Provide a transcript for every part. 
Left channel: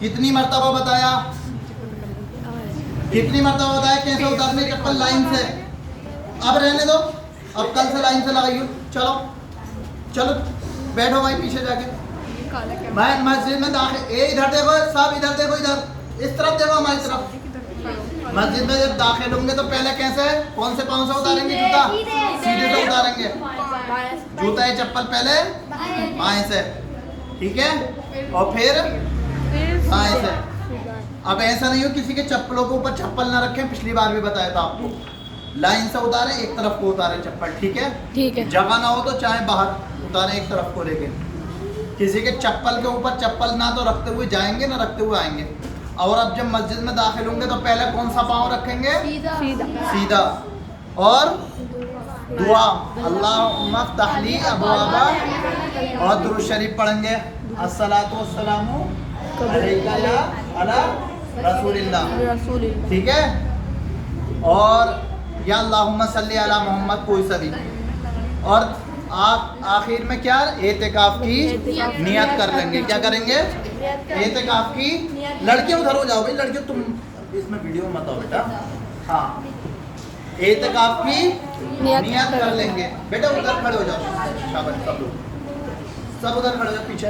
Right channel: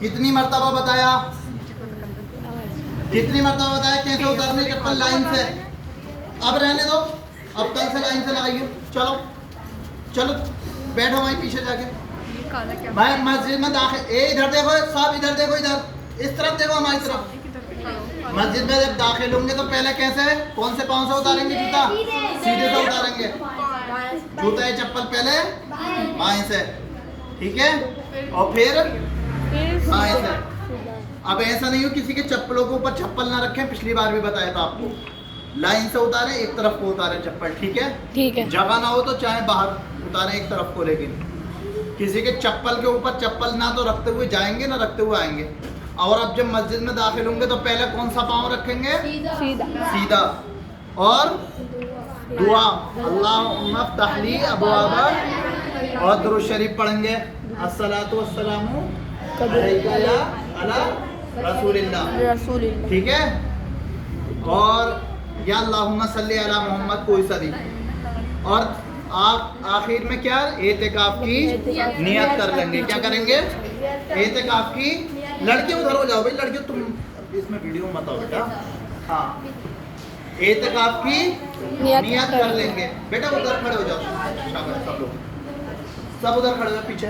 कितनी मर्तबा बताया? कितनी मर्तबा बताया कैसे उतारने चप्पल लाइन से? अब रहने दो, अब कल से लाइन से लगाइए। चलो चलो बैठो भाई पीछे जाके। भाई मस्जिद में दाखिल इधर देखो सब, इधर देखो, इधर इस तरफ देखो, हमारी तरफ। मस्जिद में जब दाखिल होंगे तो पहले कैसे, कौन से पाँव से उतारेंगे जूता? सीधे से उतारेंगे। जूता या चप्पल पहले बाएं से, ठीक है, और फिर बाएं से। अब ऐसा नहीं हो किसी के चप्पलों के ऊपर चप्पल ना रखें, पिछली बार भी बताया था आपको। लाइन से उतारे, एक तरफ को उतारे चप्पल, ठीक है? ठीक है। जगह ना हो तो चाहे बाहर उतारे एक तरफ को, लेकिन किसी के चप्पल के ऊपर चप्पल ना तो रखते हुए जाएंगे ना रखते हुए आएंगे। और अब जब मस्जिद में दाखिल होंगे तो पहले कौन सा पाँव रखेंगे? सीधा। और दुआ अल्लाहुम्मा फ़्तहली अबवाबा, और दुरूद शरीफ पढ़ेंगे, अस्सलातु वस्सलामु अलैका या अला रसूलिल्लाह, ठीक है? और या अल्लाहुम्मा सल्ली अला मोहम्मद, कोई सा भी। और आप आखिर में क्या एतिकाफ की नियत कर लेंगे। क्या करेंगे? एतिकाफ की। लड़के उधर हो जाओ भाई, लड़के तुम इसमें वीडियो मत आओ बेटा। हाँ, एतिकाफ की नियत कर लेंगे। बेटा उधर खड़े हो जाओ, शाबाश, सब लोग सब उधर खड़े हो जाओ पीछे।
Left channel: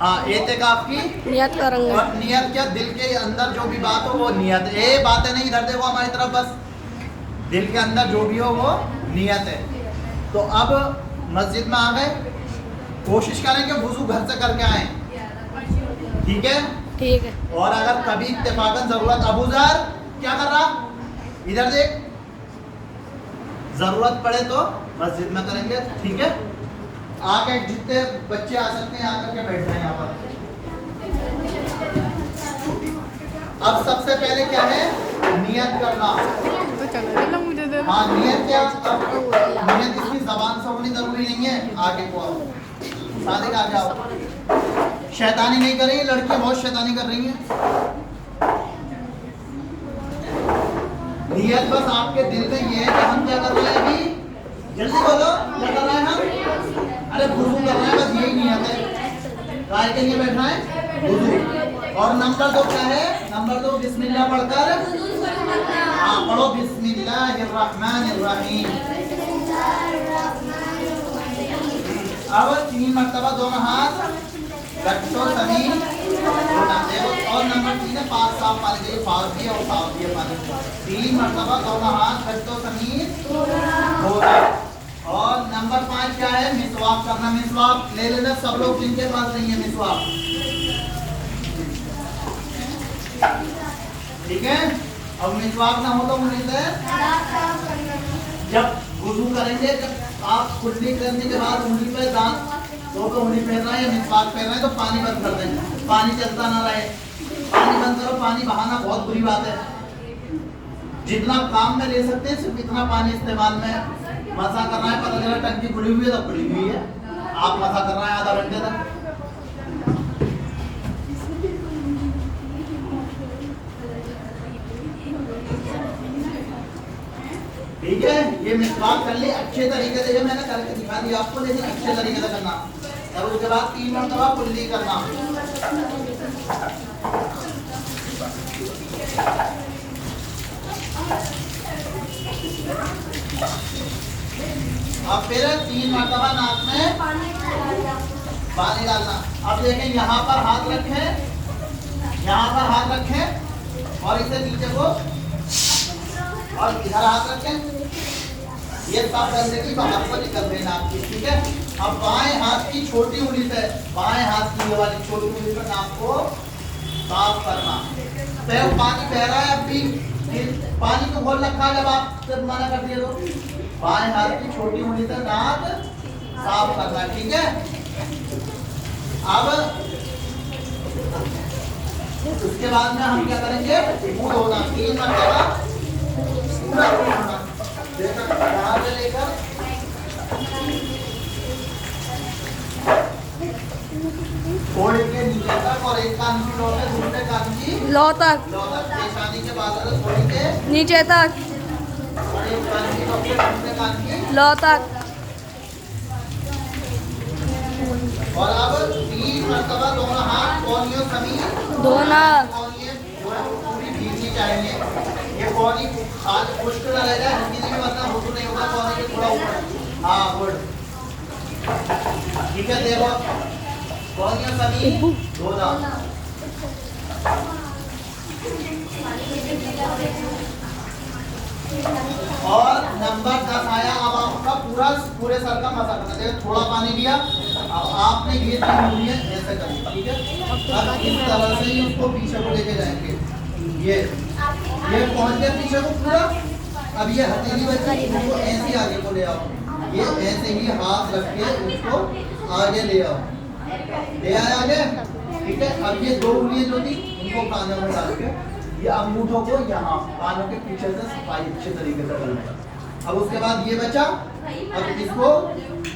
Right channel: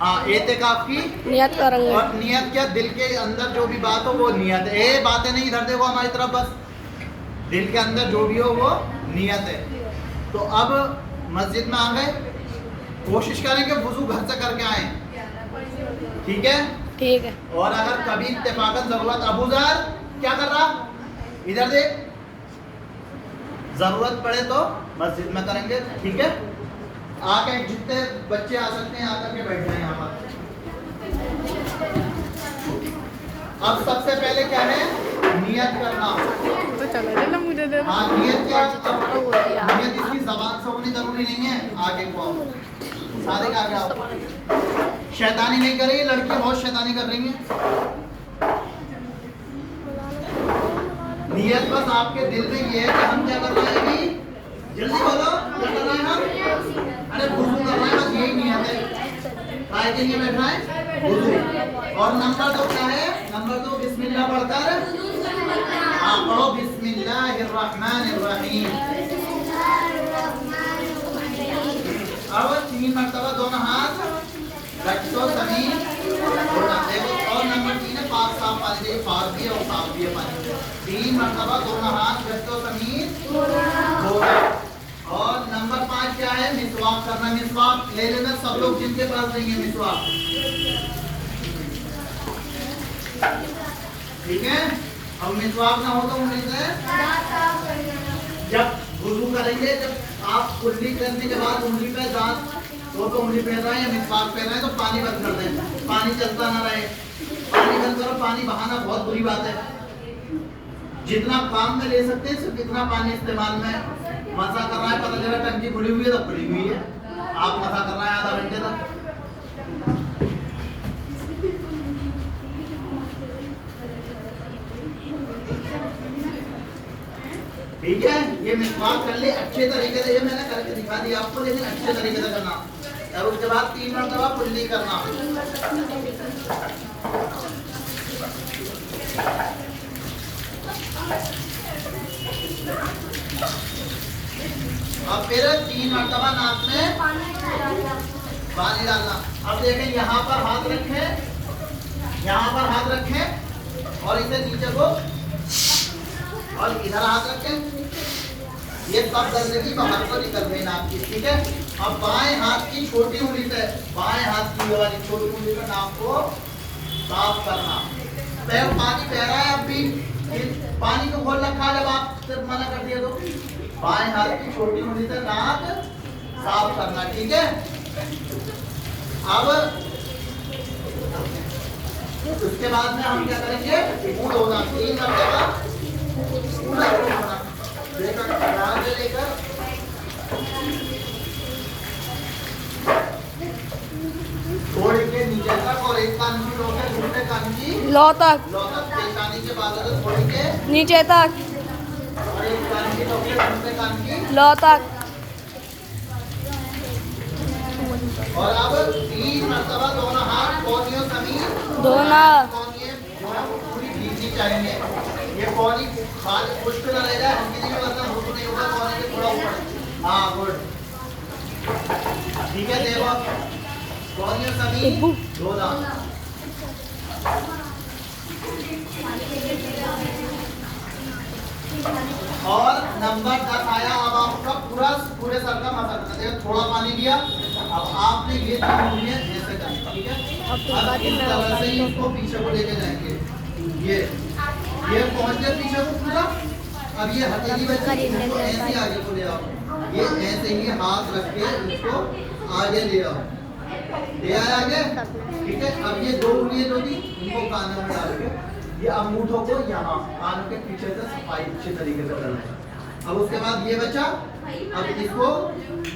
हाँ, एतिकाफ की नियत करेंगे। और नियत क्या, दिल के अंदर जो भी बात हो वो नियत है। बातें नहीं, इधर देखो हमारी तरफ, बस दिल के अंदर जो भी हो वो नियत है। तो अब मस्जिद में आ गए, कोशिश करें कि वुजू घर से करके आए, ठीक है? ठीक है। और अगर कभी इत्तेफाकन जरूरत, अबू ज़र क्या कर रहा, इधर देख, जरूरत पड़े तो मस्जिद में करेंगे, ठीक है? आके जितने बच्चे आ सकते हैं आकर के बैठ जाए यहाँ पर। अब सबसे पहले क्या है, नियत करना। तो चलो मुझे दे। हाँ, नियत क्या, नियत इसकी जबान से होनी जरूरी नहीं है। आगे को आओ, सारे के आगे आओ। शैतानी नहीं कर रही है, लड़कियां बहुत शैतानी कर रही हैं। नियत बस आपके दिल में ये है कि हम क्या कर रहे हैं अभी, जल्दी बोलो, क्या कर रहे हैं हम? अरे वुजू कर रहे हैं, बस यही नियत है। काय के लिए बैठना है? वुजू। और नंबर 2 क्या है? नंबर 2 बिस्मिल्लाह पढ़कर, हाँ पढ़ो, बिस्मिल्लाहिर्रहमानिर्रहीम। अब 3 मरतबा दोनों हाथ रखो जमीन, और नंबर 3 है पाक साफ पानी के, पाक भी और साफ भी है पानी। 3 मरतबा दोनों हाथ रखो जमीन, और नंबर 5 क्या है, मिसवाक करना। मिसवाक ले लेना सब लोग जिनके पास नहीं है मिसवाक, ठीक है? अब मिसवाक ना हो तो उंगली से जब वुजू करेंगे, जब आप कुल्ली करने के बाद उंगली पे दांत दो तो उंगली फेर रहे हैं या मिसवाक फेर रहे हैं तो पानी बंद कर दें, पानी चलता ना रहे। पानी बंद करो, पानी बहाना बहुत बुरी बात है। जितना काम में ले सकते हैं सिर्फ इतना पानी इस्तेमाल में। मसा कर रहा है, पता चला टंकी खुली हुई है तो खुली हुई है, आप मसा कर रहे हैं आधा घंटे तक। ठीक है, ये मिसवाक कर ले अच्छे तरीके से, ये मैंने करके दिखा दिया आपको, लेकिन अच्छे तरीके से करना। और उसके बाद 3 मरतबा कुल्ली करना। अब फिर 3 मरतबा नाक में पानी डालना। अब देखें, यहाँ पर हाथ रखें, यहाँ पर हाथ रखें और इसे नीचे को, और इधर हाथ रखें। ये सब गंदगी बाहर से निकल गई नाक की, ठीक है? अब बाएं हाथ की छोटी उंगली से, बाएं हाथ की वाली छोटी उंगली से नाक को साफ करना। पैर पानी बह रहा है, अब भी पानी को खोल रखा है, जब आप सिर्फ मना कर दिया तो बाएं हाथ की छोटी उंगली से नाक साफ करना, ठीक है? अब उसके बाद में हम क्या करेंगे, मुंह धोना 3 मरतबा पूरा धोना, बाहर से लेकर थोड़े के नीचे तक, और एक कान की लो पे, दूसरे कान की लो तक, पेशानी के बाद थोड़ी के नीचे तक, और एक कान की लो पे, दूसरे कान की लो तक। और अब 3 मरतबा दोनों हाथ कोहनियों समीत धोना कौन ये जो है वो पूरी भीगनी चाहिए। ये कौन ही हाथ पुष्ट ना रह जाए, हिंदी में मतलब हुक्म नहीं होगा, कौन है थोड़ा ऊपर। हाँ गुड, ठीक है। देखो कौन ये सभी धोना। और नंबर 10 आया। अब आपका पूरे सर का मसा करना। देखो थोड़ा पानी लिया, अब आपने ये 3 उंगलियां ऐसे करनी, ठीक है। अब इस तरह से इसको पीछे को लेके जाएंगे। ये पहुंच गया पीछे को पूरा। अब ये हथेली बची, इसको ऐसे आगे को ले आओ। ये ऐसे ही हाथ रख के उसको आगे ले आओ, ले आए आगे, ठीक है। अब ये 2 उंगलियां जो थी इनको कानों में डाल के ये अंगूठों को यहाँ कानों के पीछे से सफाई अच्छे तरीके से करना है। अब उसके बाद ये बचा, अब इसको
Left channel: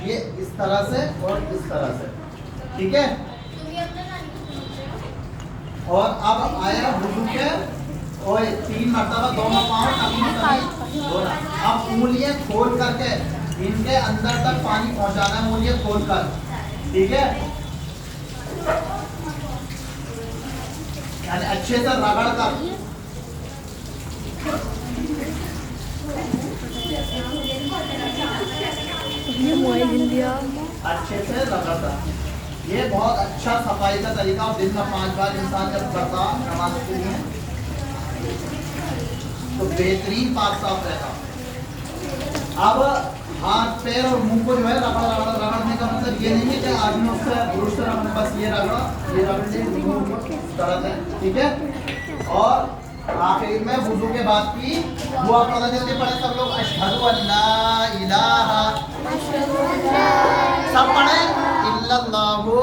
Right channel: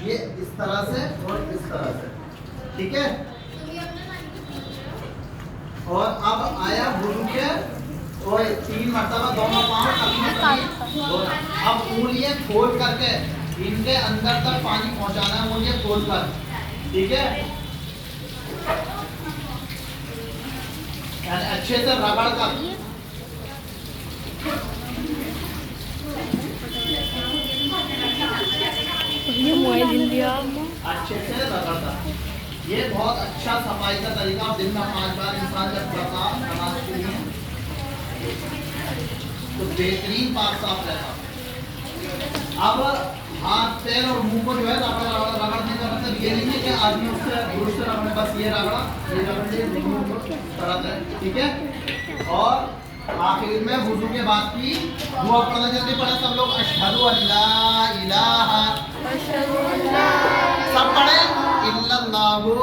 ये इस तरह से और इस तरह से, ठीक है। और अब आया वुजू के और 3 मरतबा दोनों पाँव अपनी धोना। अब उंगलियां खोल करके इनके अंदर तक पानी पहुंचाना है, उंगलियां खोल कर, ठीक है। यानी अच्छे से रगड़ कर, ये मोबाइल हिल लिया अच्छे से रगड़ कर। ये बहुत अच्छा सफाई का तरीका। और दिन में 5 बार इंसान जब करता नमाज के लिए तो बेहतरीन पाक साफ रहता। अब हाथ पैर और मुंह को जो है रगड़ने का मतलब ये नहीं है कि आदमी उससे पुरुष से रगड़ने, बस ये रगड़ा, ये रगड़ने मुंह को तरह से, ठीक है। और आखिर में वुजू के बाद की दुआ पढ़ना। जल्दी पढ़े सब लोग। अशहदु अल्ला इलाहा, सब पढ़े, इल्लल्लाहु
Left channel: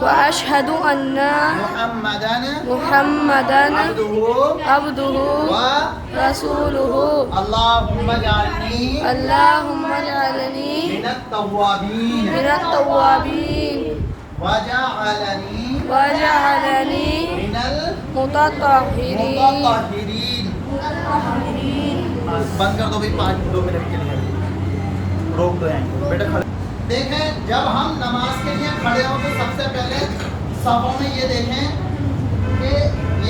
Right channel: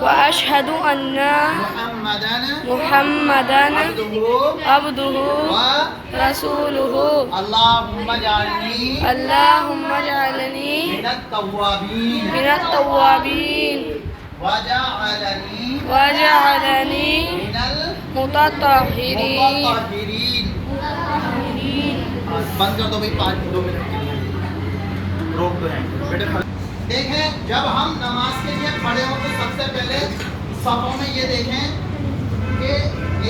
व अशहदु अन्ना मुहम्मदन अब्दुहु व रसूलुहु अल्लाहुम्मा जअलनी मिनत तव्वाबीन वजअलनी मिनल मुतत्तहिरीन। बंद कर दो भाई, 2 मिनट के लिए रोक दो बेटा। देखें जब हम नमाज के लिए खड़े हो तो सबसे पहले सफों में ये देखें कि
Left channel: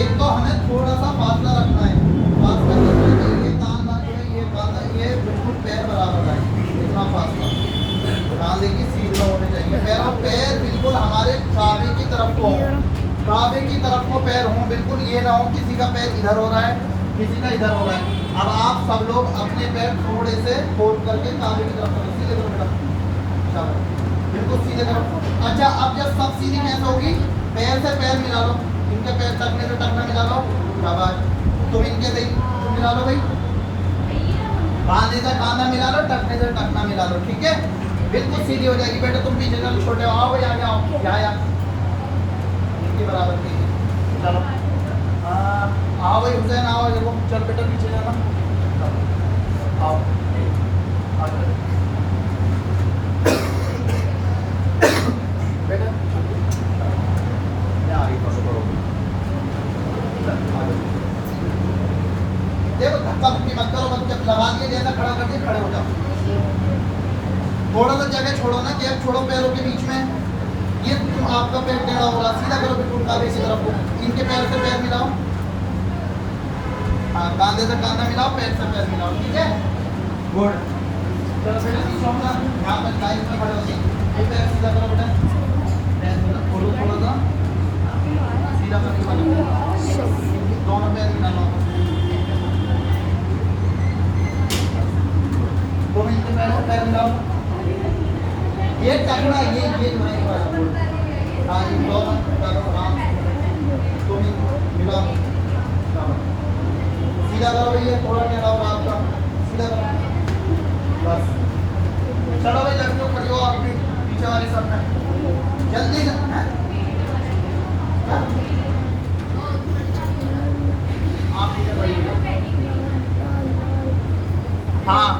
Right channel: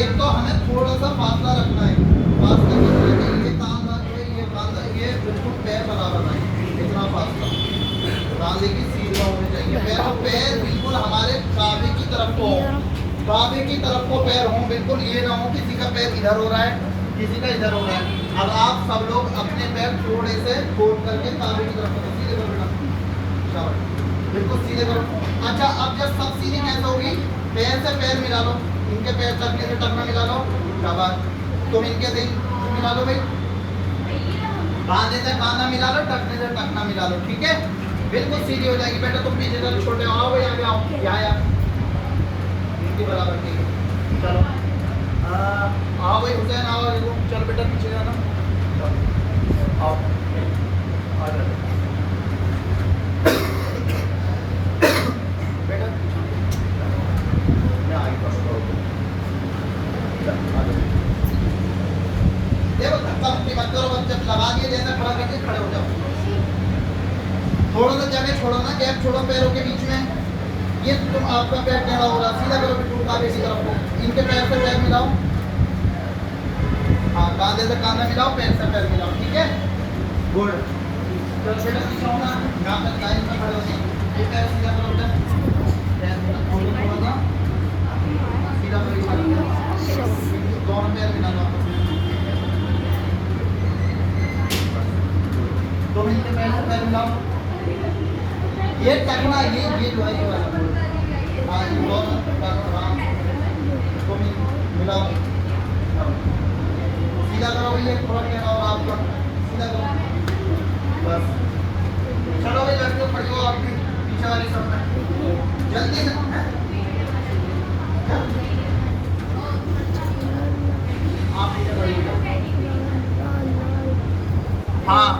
एक तो हमें थोड़ा सा फासला रखना है। फासला रखना है कि ये कांधा ये बिल्कुल पैर बराबर है, इतना फासला कांधे की सीधा होने चाहिए। पैर बिल्कुल हमारे काबे की तरफ को हो, काबे की तरफ को पैर हो, बिल्कुल ये ना हो किसी का पैर इधर हो रहा है किसी का इधर हो रहा है। अब आप सब लोग अपने पैर थोड़े से खोल करके काबे की तरफ सीधे करो, बिल्कुल सीधे करो। अच्छा अब जब सब सीधी कैसे होगी, पैर से पैर मिला लो, इनके पैर टकने से टकना मिला लो, शाबाश। तुम इनके से मिला लो भाई, कांधे से कांधा मिला लो, टकने से टकना मिला लो, ठीक है। बिल्कुल सीधी हो जाएगी। बेटा तुम पीछे चलो, छोटे आओ भाई, आगे आओ, यहाँ इनके बराबर नहीं है। चलो आओ भाई हुसैन, आओ चल बेटा पीछे जाना, आओ आ जाओ बेटा, यहाँ आगे पास करो। देखो धक्का मुक्की मत करो, जब लगा दिए जैसा खड़ा करके खड़े हो जाओ। थोड़ा सा जगह छोड़ो ना, गैप छोड़ो पैरों के बीच में। ये तुम आपका पैर टेढ़ा हो रहा, सीधा करो बिल्कुल काबे की तरफ को। इनके पैर से पैर मिलाओ, हाँ कांधे से कांधा मिलाओ, पैर से पैर मिलाओ, ठीक है। गुड। चलो बेटा पीछे होना, यहाँ पर लाइन में खड़े हो जाओ। ये पैर सीधा करो बेटा, पैर खोलो थोड़ा सा, सीधा करो, दोनों पैर मिला लो। तुम इनके पैर से पैर मिलाओ, ये टकरा ये जो है वाला बोल, हाँ इन दोनों टकरा तुम मिलाओ, सीधा करो भैया, थोड़ा क्या करो आपका, सीधा करो बस। चलो भाई जल्दी खड़े हो, आप भी पीछे वाले सब जल्दी से। आप पीछे खड़िए, हाँ।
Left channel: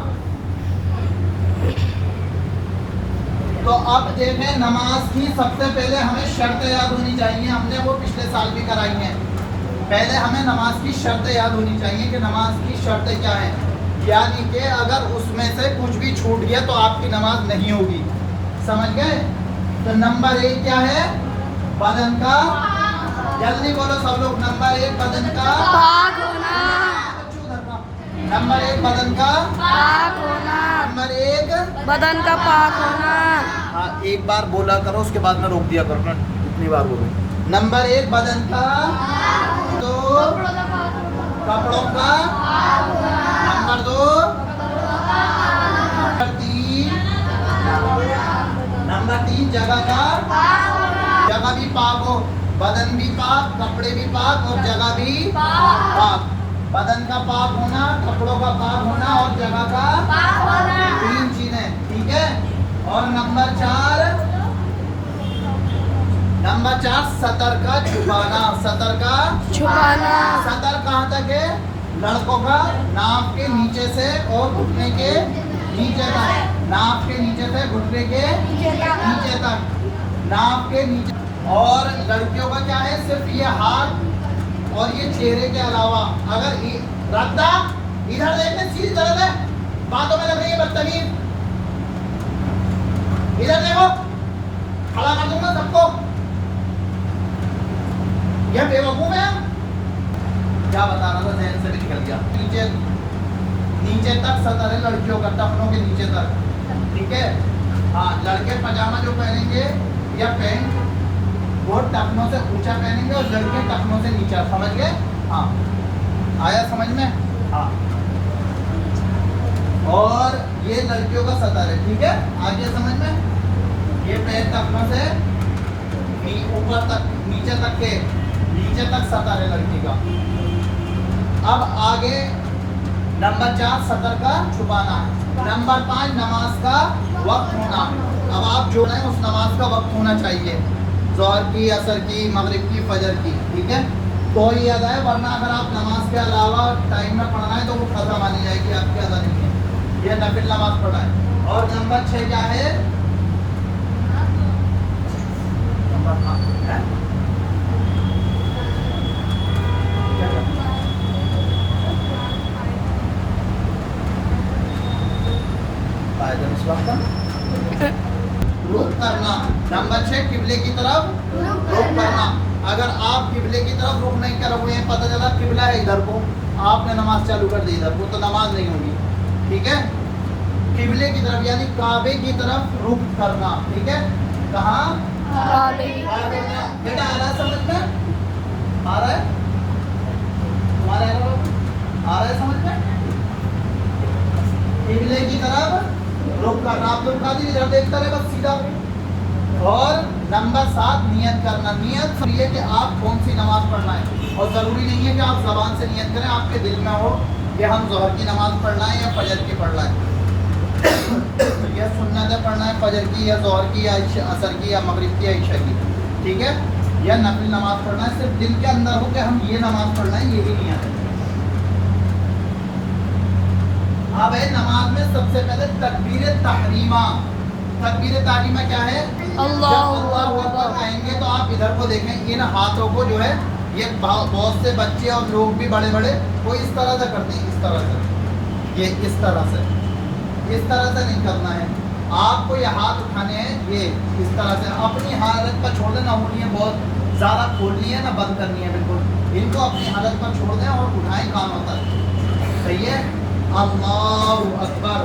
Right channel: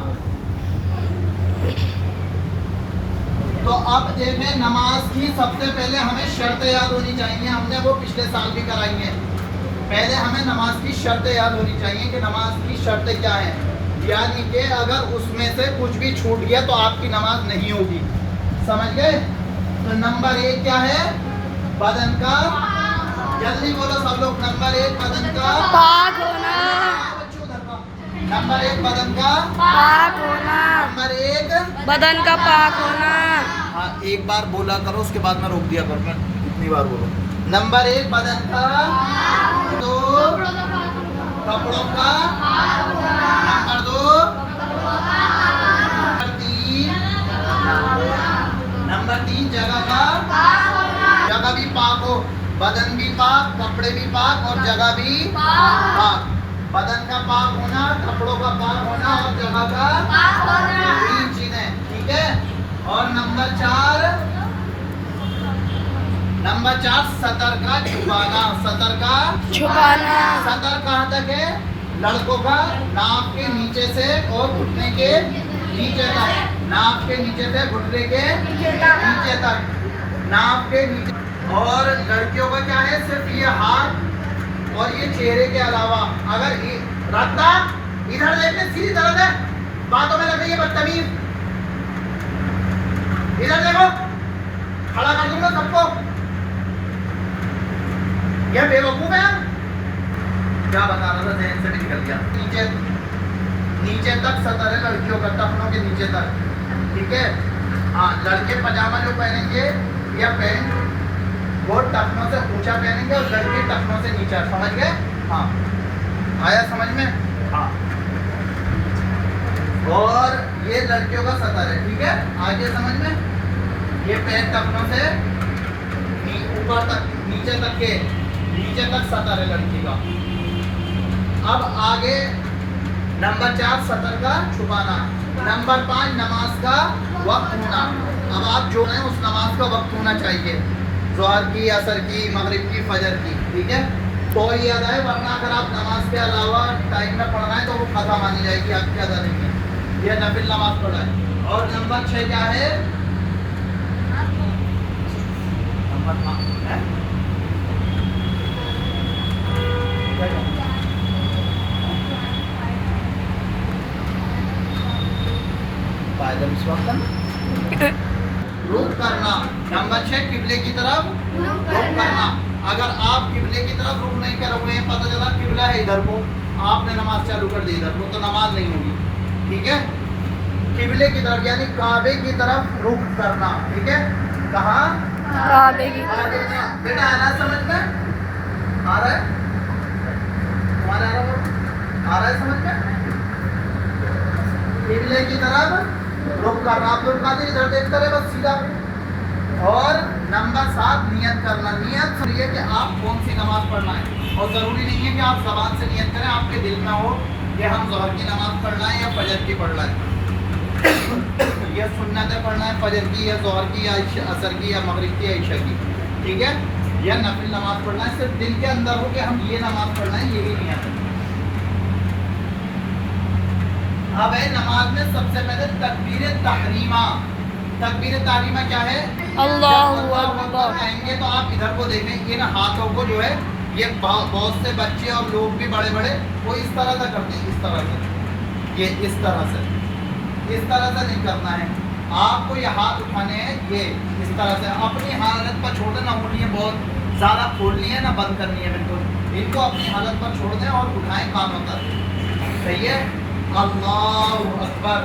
तो अब देखें नमाज की सबसे पहले हमें शर्तें याद होनी चाहिए। हमने वो पिछले साल भी कराई हैं। पहले हमें नमाज की शर्तें याद होनी चाहिए कि नमाज की शर्तें क्या हैं। यानी कि अगर उसमें से कुछ भी छूट गया तो आपकी नमाज नहीं होगी, समझ गए। तो नंबर 1 क्या है, बदन का, जल्दी बोलो सब लोग। नंबर 1 बदन का पाक होना। नंबर 1 बदन का पाक होना। नंबर 1 बदन का पाक होना। हाँ, एक बार बोला करो उसके बाद में रोक दिया करो। मैं कितनी बार बोलूं? नंबर 1 बदन का, 2 कपड़ों का, नंबर 2 नंबर 3 जगह का, जगह भी पाक हो, बदन भी पाक, कपड़े भी पाक और जगह भी पाक। बदन का पाक होना, कपड़ों का पाक होना और जगह का 3 चीजें, ठीक है। और नंबर 4 सतर का छुपाना। सतर का छुपाना। सतर कहाँ तक है? लड़कों का नाक के नीचे से और घुटने के नीचे तक, नाक के नीचे से घुटने के नीचे तक, नाक के नीचे। और लड़कियों का क्या है? सिर्फ ये हाथ और ये चेहरे के अलावा। अगर रद्दा इधर देखने सीधी तरह है, बातों में लग रही है बदतमीज। इधर देखो, खड़ा कर दूंगा सबको। यह बेवकूफ है। क्या बता रहा था, जहन से भी निकल गया। नीचे तक सतर है लड़कियों का, टखनों के नीचे तक, ठीक है। हाँ, लड़के पजामा जो पहनेंगे या पैंट, वो टखनों से ऊंचा पहनेंगे और लड़के टखनों से नीचा। समझ गए? हाँ, आया समझ में? हाँ। और ये लड़कियों का सतर है, ठीक है। आगे समझ में? ये पैर टखनों से ऊपर तक, नीचे तक सतर है लड़की का। अब आगे नंबर 4 सतर का छुपाना। नंबर 5 नमाज का वक्त होना। अब आप जो है उस नमाज का वक्त होना चाहिए, ज़ोहर की, असर की, मगरिब की, फजर की, ठीक है। तो ये अदा है, वरना अगर आप नमाज के अलावा टाइम में पढ़ना है तो वो खत्म मानी जाएगी, आपकी अदा नहीं है। ये नफिल नमाज पढ़ा है। और नंबर 6 क्या है? रुख करना। नंबर 6 किबले की तरफ रुख करना। अगर आप किबले की तरफ रुख नहीं करोगे, पता चला किबला है इधर को, आपने नमाज चालू कर दी इधर को, तो नमाज नहीं होगी, ठीक है। किबले की तरफ यानी काबे की तरफ रुख करना, ठीक है। कहाँ? काबे की बेटा आ रहा है समझ में? आ रहा है तुम्हारा? आ रहा है समझ में? किबले की तरफ रुख करना। आप लोग कादिर इधर देखते रहे बस सीधा। और नंबर 7 नियत करना। नियत है कि आप कौन सी नमाज पढ़ना है, और ज़रूरी नहीं है कि आप ज़बान से नियत करें, आपके दिल में हो कि हम ज़ोहर की नमाज पढ़ना है या फजर की पढ़ना है, या सुन्नतें पढ़ना है फजर की या ज़ोहर की या असर की या मगरिब की या इशा की, ठीक है। या नफिल नमाज पढ़ना है, सिर्फ दिल के अंदर हो कि हम ये नमाज पढ़ना है, यही नियत है। अब है नमाज में सबसे पहले तकबीर तहरीमा। तकबीर तहरीमा क्या है? अल्लाहु अकबर अकबर कहेंगे तो आप इधर को देखें, इन हाथों को जो है, ये बहुत से बच्चे और लोग भी बड़े बड़े वो इस तरह से करते हैं, इस तरह से, ये इस तरह से नहीं करना है। आपको ये हाथ उठाने हैं, ये इस तरह से। अपनी हालत पर छोड़ दें, ना उंगलियां बहुत ज़्यादा खोलनी है ना बंद करनी है, बिल्कुल इनको अपनी हालत पर छोड़ दें और उठाएं कानों तक, सही है। अल्लाहु अकबर।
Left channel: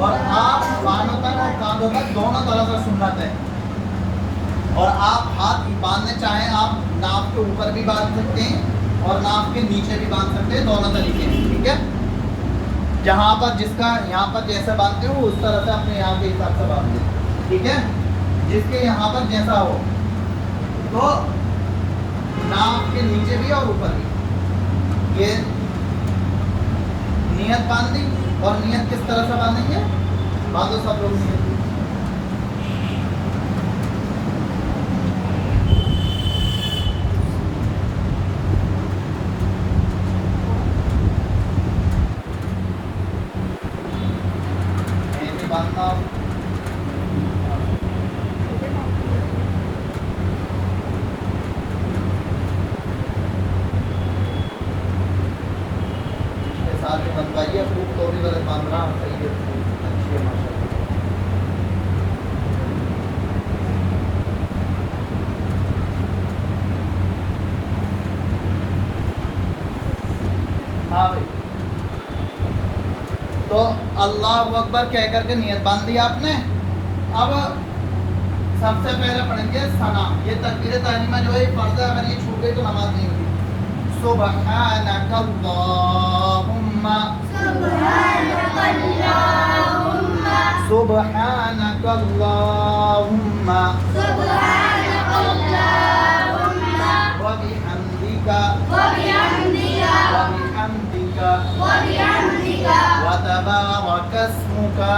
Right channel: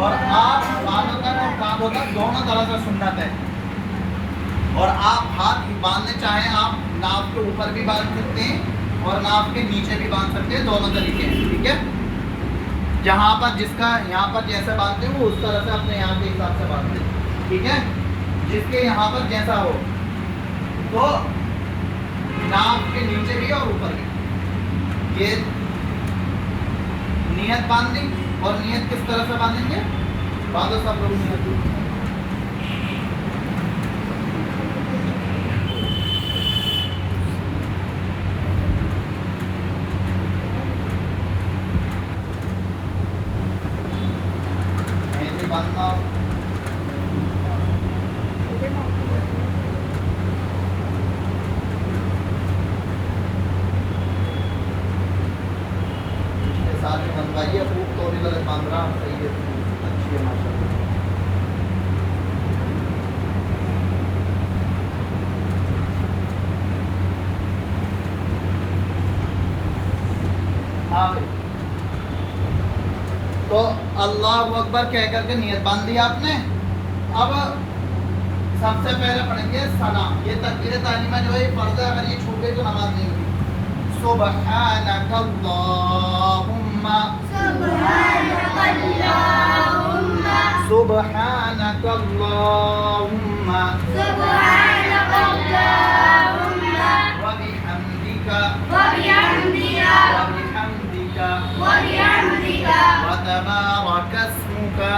और आप कानों तक और कांधों तक दोनों तरह से सुन्नत है। और आप हाथ बांधने चाहें, आप नाक के ऊपर भी बांध सकते हैं और नाक के नीचे भी बांध सकते हैं, दोनों तरीके हैं, ठीक है। जहाँ पर जिसका यहाँ पर जैसे बांधते हो उस तरह से अपने यहाँ के हिसाब से बांध दें, ठीक है। जिसके यहाँ पर जैसा हो, तो नाक के नीचे भी और ऊपर भी। ये नियत बांध दी। और नियत किस तरह से बांधेंगे? बांधो सब लोग नियत। बांधना साथ में बनवाइए, खूब तोड़ी वाले बांध रहा हूँ, अल्लाहु अकबर कह करके नियत बांध दी आपने। अब सबसे पहले पढ़ेंगे सना। ये तकबीर तालीमा जो है फर्ज है, अगर ये छूट गई तो नमाज नहीं होगी। सुबहानकल्लाहुम्मा सुबहानकल्लाहुम्मा व बिहम्दिका व तबारक अस्मुका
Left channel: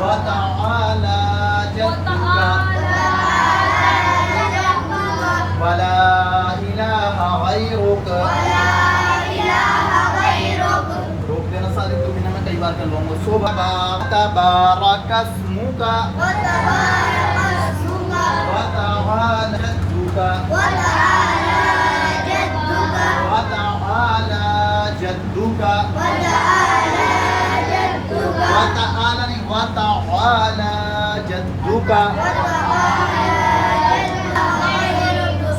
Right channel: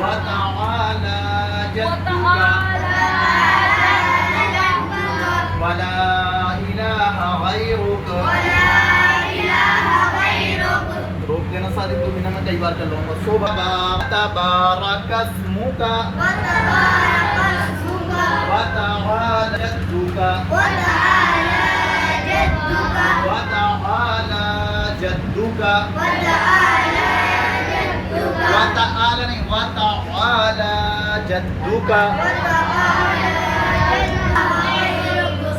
वतआला जद्दुका वला इलाहा गैरुक। रोक देना सारी दो मिनट में कई बार कर लूंगा। तबारक अस्मुका वतआला जद्दुका वतआला जद्दुका वतआला नहीं वतआला जद्दुका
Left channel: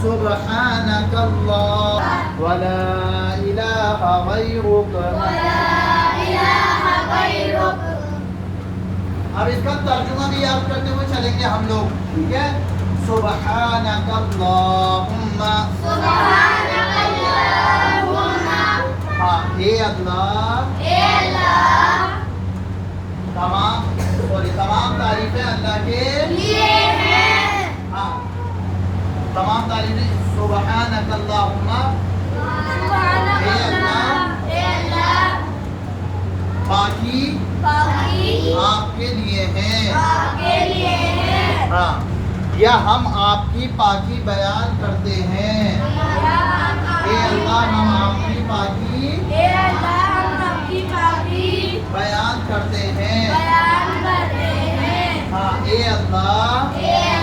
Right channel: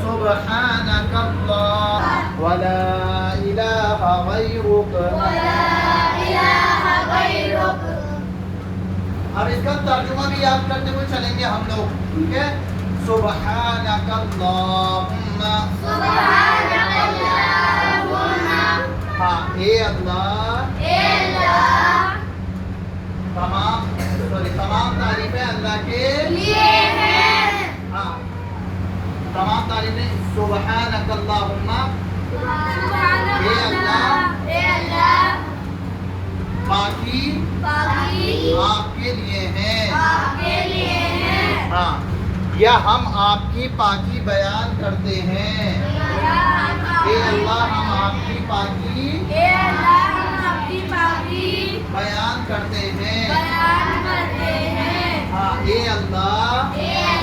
सुब्हानकल्लाह वला इलाहा गैरुक। अब इसका तर्जुमा भी याद करते हुए चलेंगे हम लोग, ठीक है। सुब्हानकल्लाहुम्मा, हाँ हे अल्लाह, तमाम तारीफें अल्लाह के लिए हैं। हाँ, तमाम तारीफें सुब्हानकल्लाहुम्मा, हे अल्लाह, बाकी आपके लिए हैं। हाँ, या हम आपकी पाकी बयान करते हैं। हे अल्लाह, हम आपकी पाकी बयान करते हैं। हाँ, हे अल्लाह,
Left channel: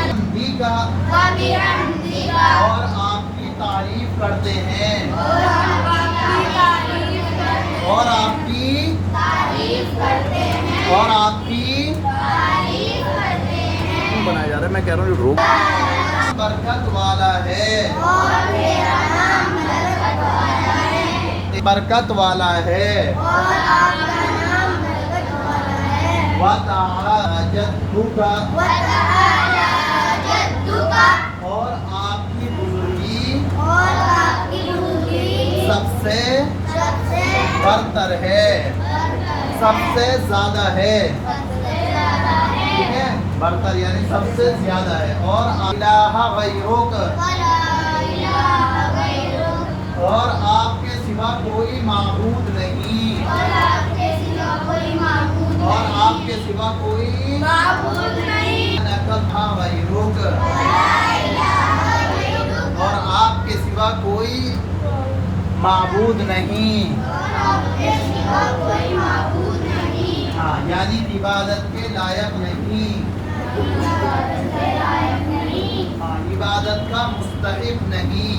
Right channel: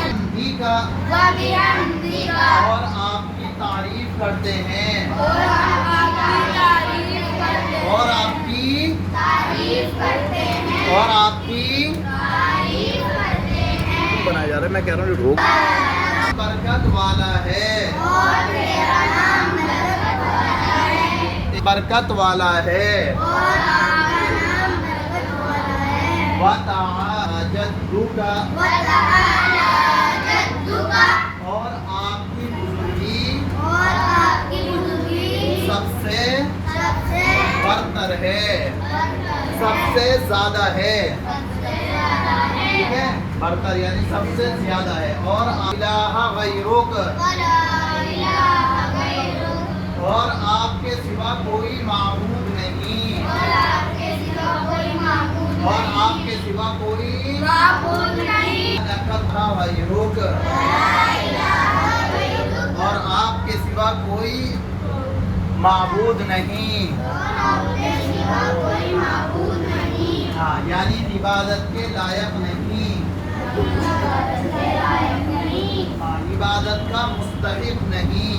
हमदीका, और आपकी तारीफ करते हैं। और आपकी क्यों बनाया जा रहा है? मैं कह रहा हूँ रोक। बरकत वाला है, बरकत वाला है। वतआला जद्दुका, और आपकी बुजुर्गी सबसे बरतर है, सबसे ज्यादा है, ठीक है। बरतर यानी सबसे ज्यादा है। और इलाहा गैरुक, और आपके सिवा कोई माबूद नहीं, और आपके सिवा कोई गैरुक, और आपके सिवा कोई माबूद नहीं। हाँ, यानी इबादत के लायक नहीं, हाँ, इबादत का मुस्तहिक नहीं।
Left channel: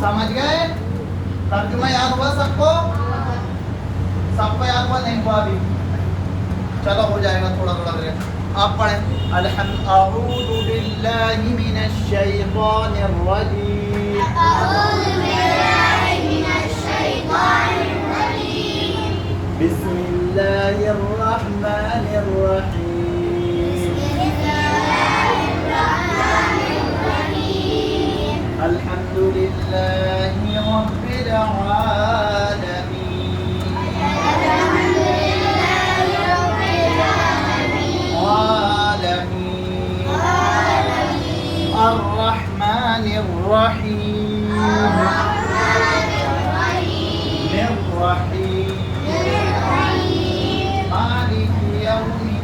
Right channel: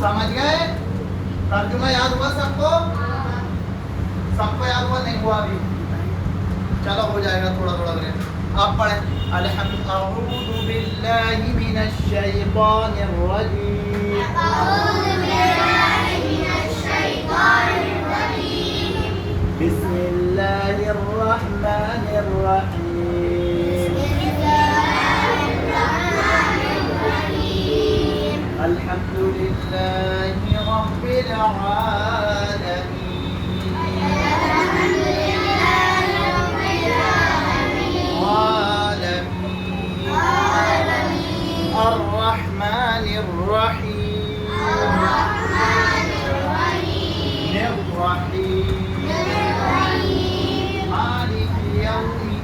समझ गए? तर्जुमा याद हुआ सबको? सबको याद हुआ? नहीं हुआ अभी? चलो हो जाएगा थोड़ा थोड़ा करके। आप पढ़ें अऊज़ु बिल्लाहि मिनश शैतानिर रजीम। बिस्मिल्लाहिर रहमानिर रहीम। अल्हम्दुलिल्लाहि रब्बिल आलमीन। अर्रहमानिर रहीम। मालिक यौमिद्दीन।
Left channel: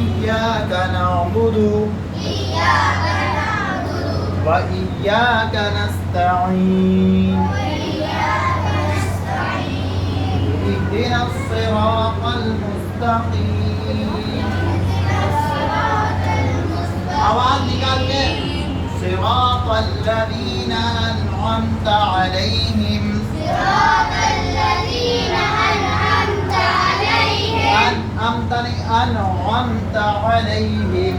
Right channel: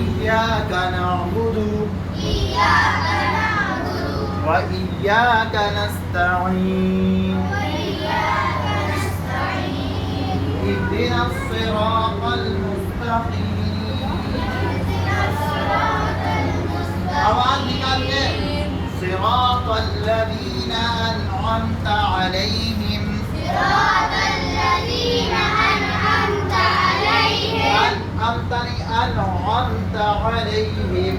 इय्याका नअबुदु व इय्याका नस्तईन। इहदिनस सिरातल मुस्तकीम। आवाज निकालिए। सिरातल लज़ीना अनअमता अलैहिम। अनअमता अलैहिम।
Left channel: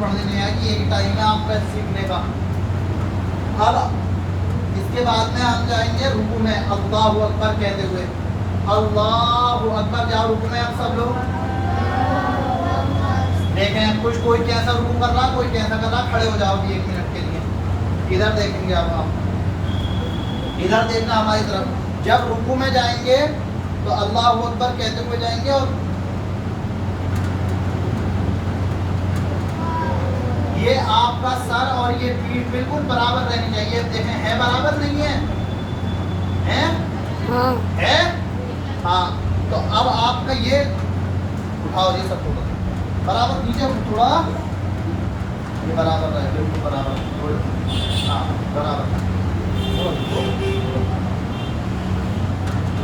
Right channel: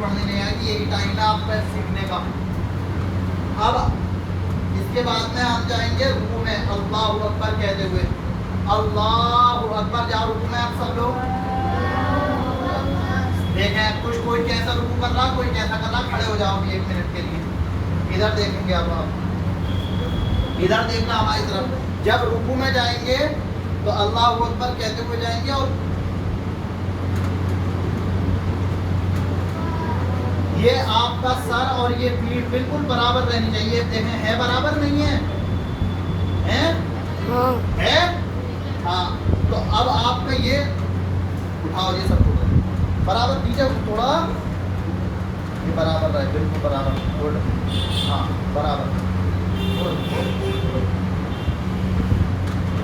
पढ़ने नहीं आएगी, ये टाइम है आपका सीखने का। अब इसके बाद में हम जाएंगे रुकू में अल्लाहु अकबर कहते हुए। अल्लाहु अकबर जाओ रुकू में आप सब लोग देखें, कुछ कोई कैसा रुकू कर रहा, कोई कैसा कर रहा, खड़े हो जाओ 1 मिनट के लिए। इधर देखेंगे अब आप, इधर देखना हमारी तरफ। जब रुकू में जाएंगे तो अल्लाहु अकबर कहते हुए जाएंगे और ये आपका सर और ये पीठ बिल्कुल बराबर रहनी चाहिए। देखें है बराबर नहीं है, है? हाँ। है? हाँ। तो अब आपका ये उठाओ, ये सब थोड़ा बराबर नीचे थोड़ा, ये बराबर रहे, बराबर। हाँ बराबर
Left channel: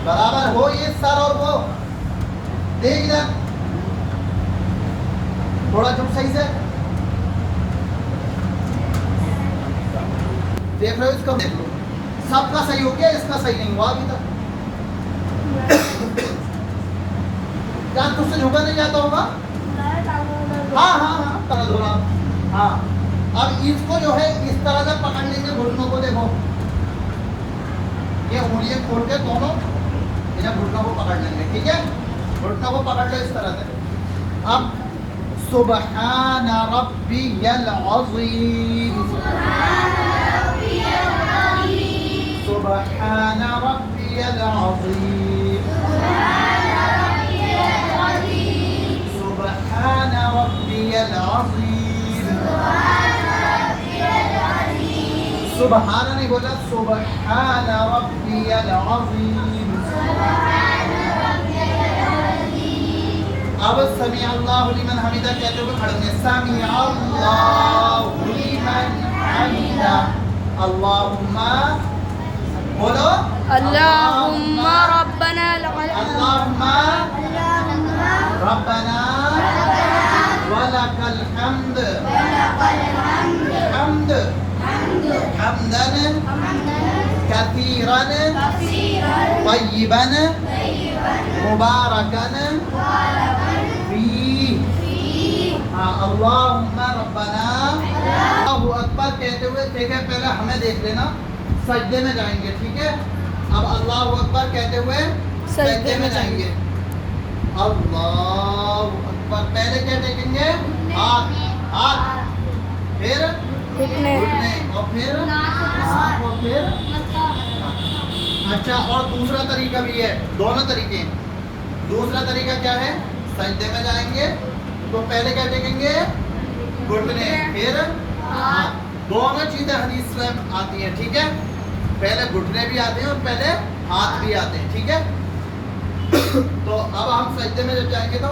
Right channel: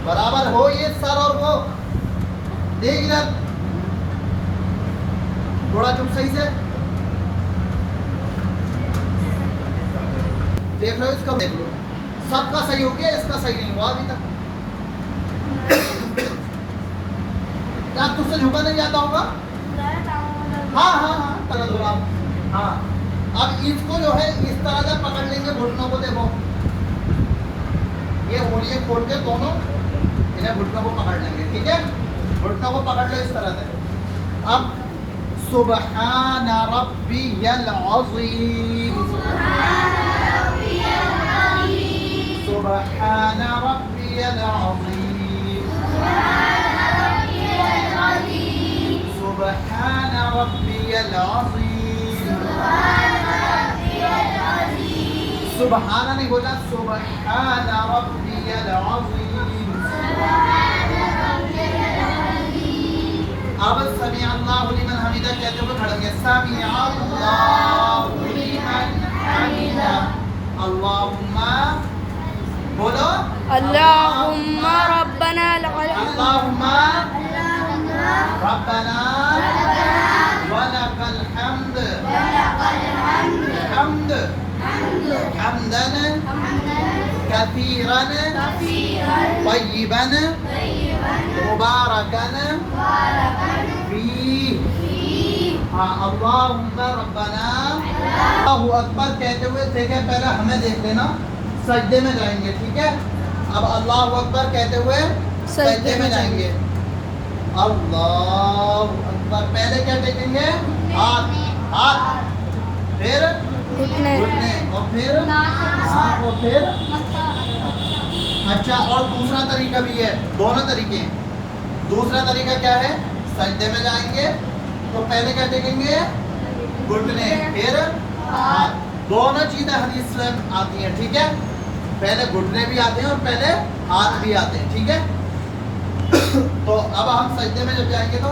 बराबर हो ये सर और वो। देख इधर थोड़ा झुक सही से देख लो, इसका देख लो, सबका सही हो गया, इसका सही नहीं हुआ अभी तक। क्या तुझसे झुका नहीं जाता होगा? हाँ हाँ हाँ तरह धुला। हाँ अब इसको जो है इस तरह से पकड़ लेंगे घुटनों को। देखो ये उंगलियां खोल के दोनों इन्हें घुटनों को पकड़ लेंगे, ठीक है? घुटनों को पकड़ लो इस तरह से। अब सुबहान रब्बियल अज़ीम, सुबहान रब्बियल अज़ीम, सुबहान रब्बियल अज़ीम। सुबहान नहीं बोला, सुबहान रब्बियल अज़ीम। अब समी अल्लाहु लिमन हमिदा कहते हुए खड़ेंगे। समी अल्लाहु लिमन हमिदा। अल्लाहुम्मा बोलो, अल्लाहुम्मा रब्बना लकल अल्लाहुम्मा रब्बना वलकल हम्द, हम्द हम्दन कसीरन तय्यिबन मुबारकन फीह। हाँ अल्लाहुम्मा रब्बना। अल्लाहु अकबर कहते हुए ठीक है, पहले हमें देख लेना, सजदे में जाएंगे, ठीक है? अब अल्लाहु अकबर कहते हुए सजदे में जाएंगे। अल्लाहु अकबर, पहले क्या टेकेंगे? हाथ, हाथ, फिर घुटने, घुटने, और फिर हाथ, और फिर अच्छा। और दूसरा तरीका भी है, दोनों तरीके। दूसरा तरीका क्या है? सजदे में जाएंगे तो पहले क्या टेकेंगे? घुटने, फिर हाथ। दोनों चीजें हदीस में आती हैं, ठीक है? पहले घुटने भी आते हैं और पहले हाथ भी आते हैं, ठीक है? तो अब हम सजदे में जब जाएंगे तो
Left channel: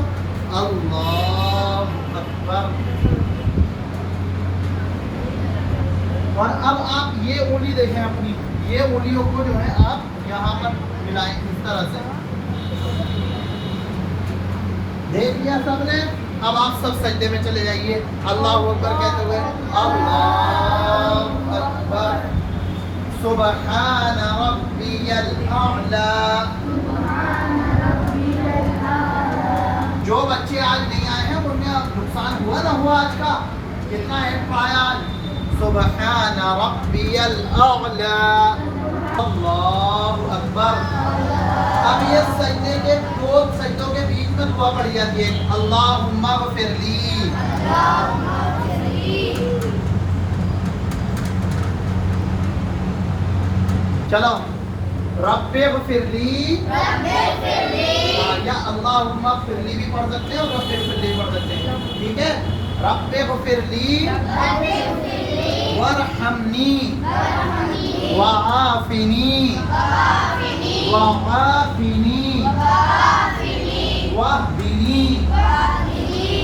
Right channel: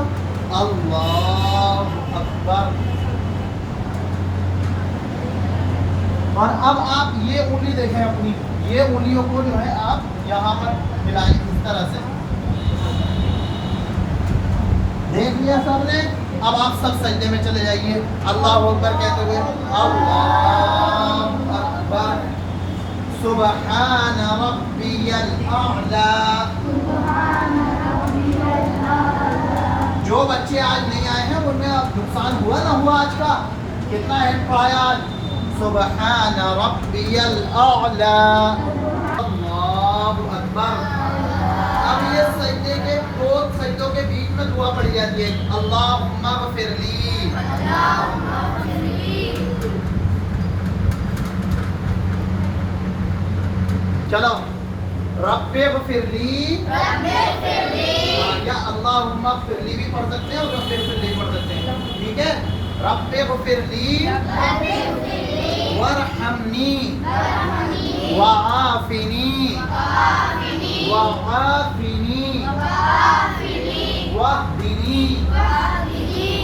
अल्लाहु अकबर। और अब आप ये उंगली देखें अपनी, ये उंगलियों को जो है आप यहाँ पर मिलाएं इस तरह से। देख लिया सबने? अब आप सब सजदे में चले जाइए अल्लाहु अकबर कहते हुए। अल्लाहु अकबर। सुबहान रब्बियल आला, जो बच्चे आज नहीं आए हैं उनमें नुकसान हुआ ना हुआ आज का? कितना हैंड पढ़ाया आज? सुबहान रब्बियल आला, अल्लाहु अकबर। अब ये सजदे के दो सजदों के बीच में दुआ पड़ी जाती है, अल्लाहुम्मा गफिरली। चलो, रब्बे गफिरली या अल्लाहुम्मा गफिरली भी पढ़ सकते हैं और रब्बे गफिरली भी पढ़ सकते हैं, ठीक है? रब्बे गफिरली वरहमनी वआफिनी वआफिनी वहदिनी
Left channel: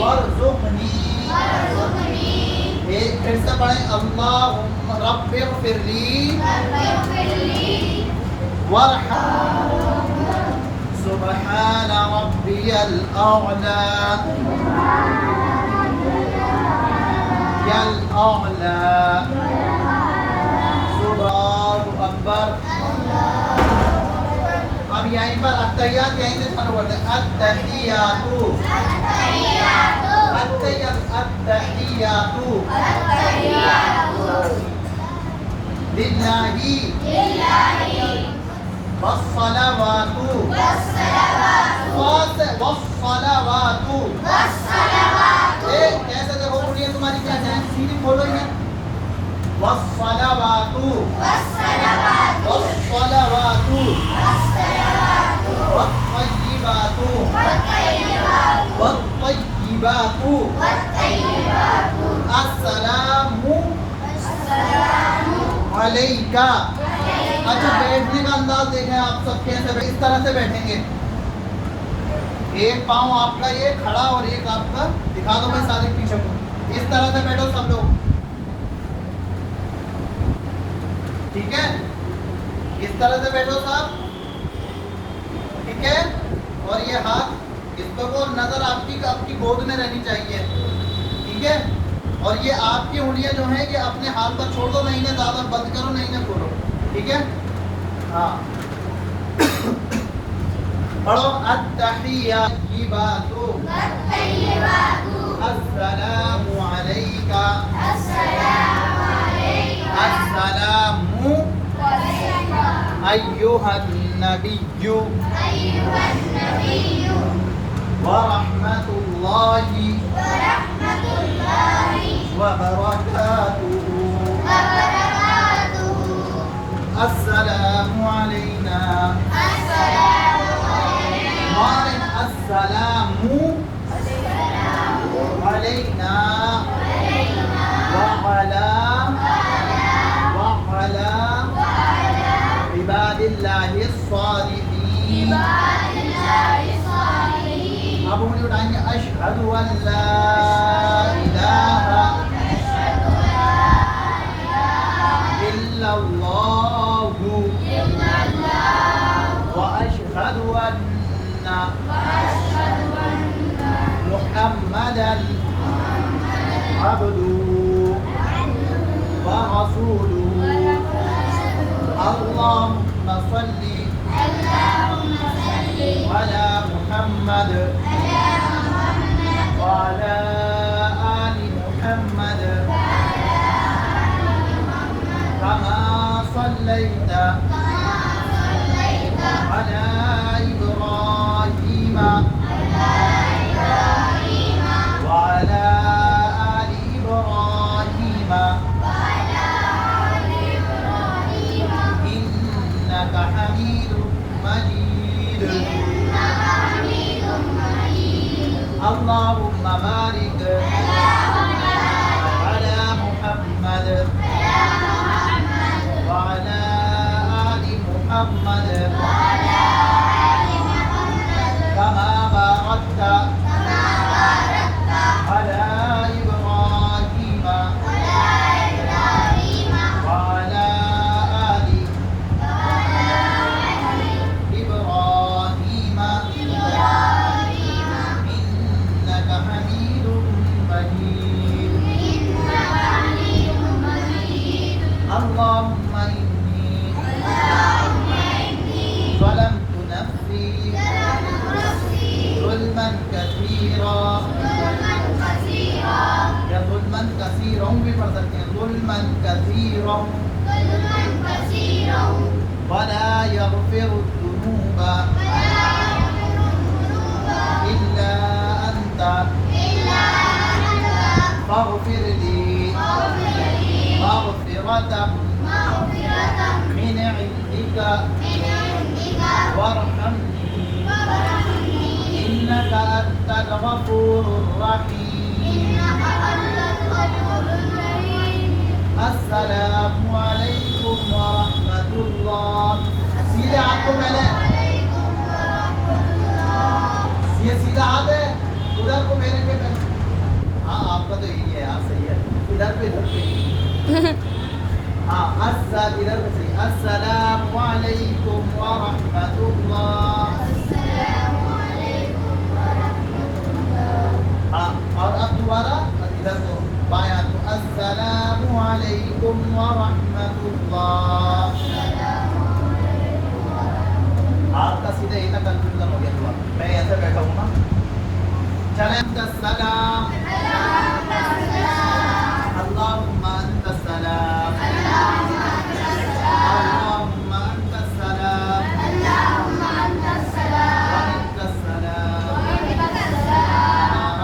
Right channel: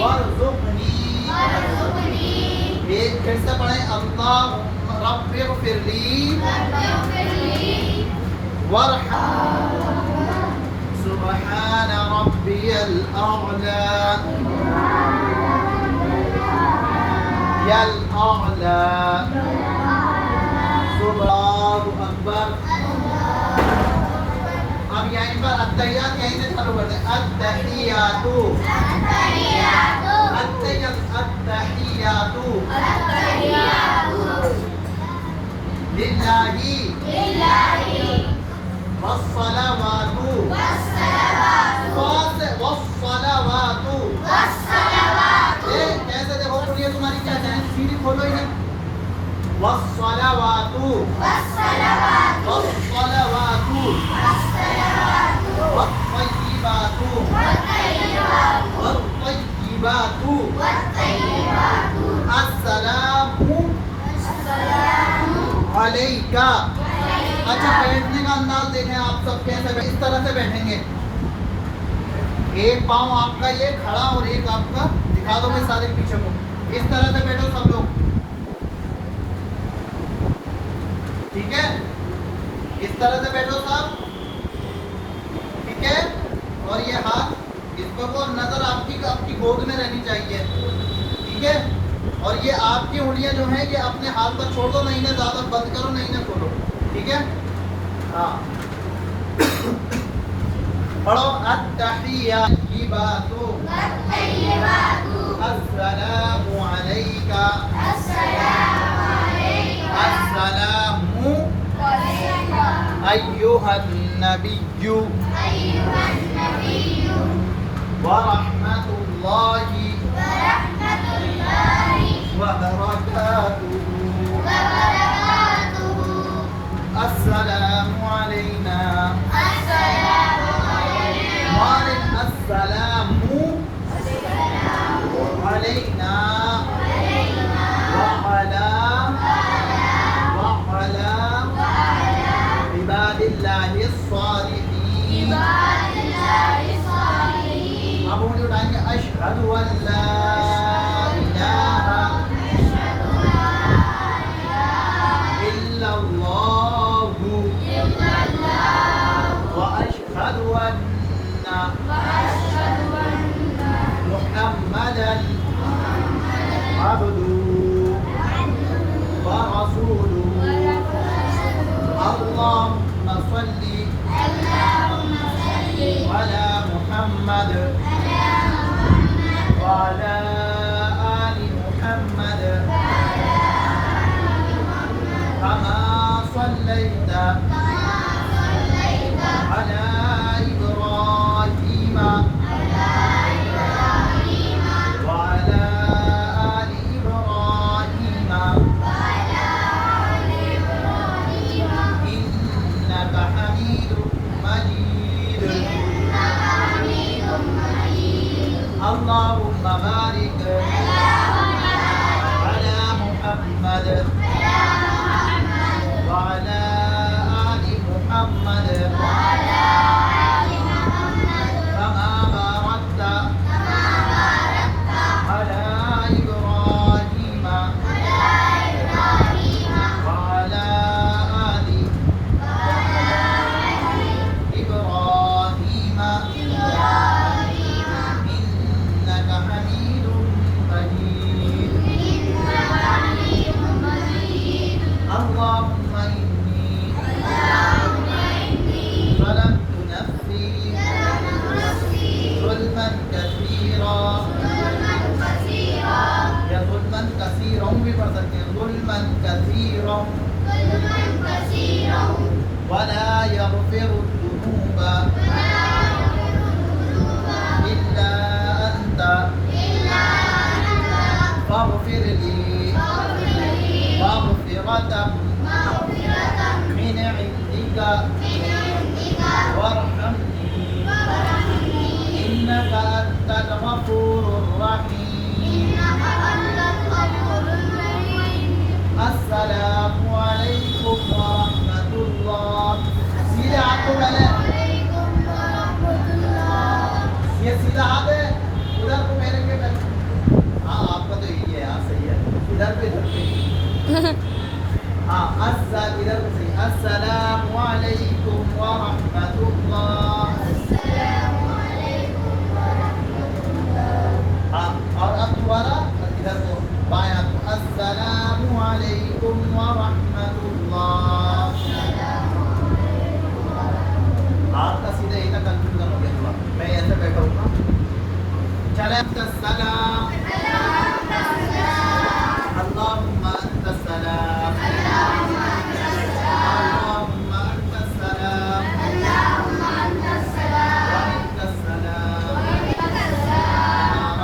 वरज़ुक़नी। ये फिर से पढ़ें, अल्लाहुम्मा रब्बे गफिरली सुबहान रब्बियल आला यल आला, सुब्हानल्लाहु अकबर। अब यहीं पर अत्तहियात यहीं से चालू करते हैं, अत्तहियातु अत्तहियातु लिल्लाहि वस्सलावातु वस्सलावातु। कैसे देखो कुटिया तुम्हारी क्या है, सीधी खोलो ही ना। वस्सलावातु वस्सलावातु वत्तय्यिबातु वत्तय्यिबातु अस्सलामु अलैका। अच्छा, बैठने का अंदाज देखें आप सब कैसे, इस तरह से बैठेंगे, एक पाँव आपका ये खड़ा और एक आपका, दिखा दो मैं सारे पीछे को, इस तरह से बैठो सब लोग, ठीक है? इस तरह से बैठो सब, ठीक है? और ये हाथ इस पर को नजर आपकी गोद में रहनी चाहिए, ठीक है? और ये आपकी उंगलियां जो है कि अपने हाथ पर छोड़ दो, नहीं ना ज्यादा बंद करो, नहीं ना खोलो, ठीक है? हाँ, पढ़ो, अत्तहियातु अस्सलामु अलैका अस्सलामु अय्युहन नबिय्यु व रहमतुल्लाहि व बरकातुहु। अस्सलामु अलैना अस्सलामु अलैना व अला इबादिल्लाहिस सालिहीन। अब हम उठाएंगे, अशहदु अल्ला इलाहा इल्लल्लाहु व अशहदु अन्ना मुहम्मदन अब्दुहु व रसूलुहु। अल्लाहुम्मा सल्ली अला मुहम्मद व अला आलि मुहम्मद कमा सल्लैता अला इब्राहीम व अला आलि इब्राहीम इन्नका हमीदुम मजीद। अल्लाहुम्मा बारिक अला मुहम्मद व अला आलि मुहम्मद कमा बारकता अला इब्राहीम व अला आलि इब्राहीम इन्नका हमीदुम मजीद। अल्लाहुम्मा इन्नी ज़लमतु नफ्सी ज़ुल्मन कसीरा हाँ इधर से अस्सलामु अलैकुम व रहमतुल्लाह। हाँ और अब दोबारा इधर तो बाएं हाथ को अस्सलामु अलैकुम व रहमतुल्लाह। हाथ का सीधा इधर कंफ्यूजन हो गया थोड़ा, मैं ऐसे बैठा हूँ ना। चले सलाम अल्लाहुम्मा अंता सलाम अल्लाहुम्मा अंता सलाम व मिनका सलाम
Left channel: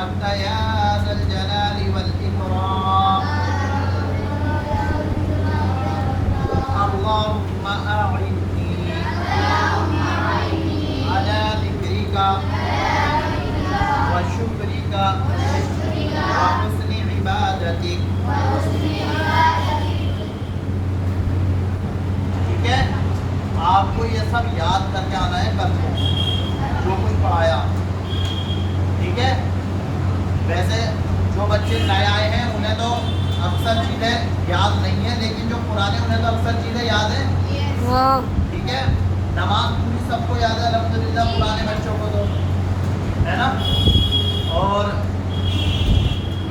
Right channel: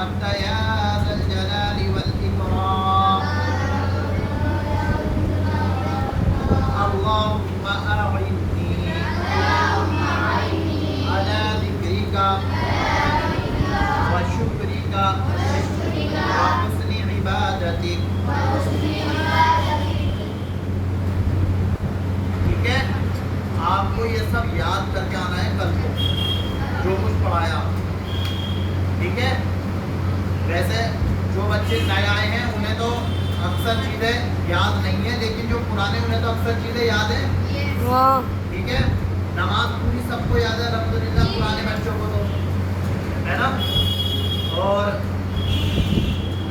अनता या ज़ल जलाली वल इकराम अल्लाहुम्मा अइन्नी अला ज़िक्रिका व शुक्रिका व हुस्नि इबादतिक। ठीक है, आपको ये सब याद करके आना है कल को जो कुछ पढ़ाया। ठीक है, वैसे जो बच्चे नए आए हैं उन्हें तो अक्सर चीज़ें याद नहीं है, लेकिन जो पुराने उन्हें तो अक्सर चीज़ें याद है। हाँ ठीक है, नमाज पूरी सबको याद है अल्हम्दुलिल्लाह, पुराने बच्चों को तो है ना। और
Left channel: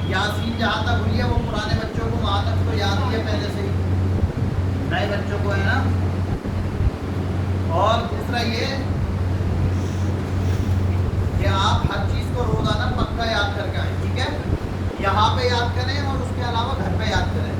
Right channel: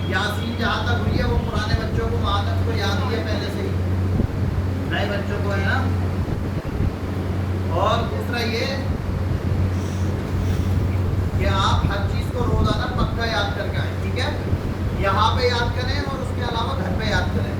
यासीन जहाँ तक हुई है वो पुराने बच्चों को आदत को याद ही है पहले से, नए बच्चों को है ना। और दूसरा ये कि आप हर चीज़ को रोजाना पक्का याद करके आए। ठीक है, यहाँ पे याद करें और उसके अलावा घर पे याद करें।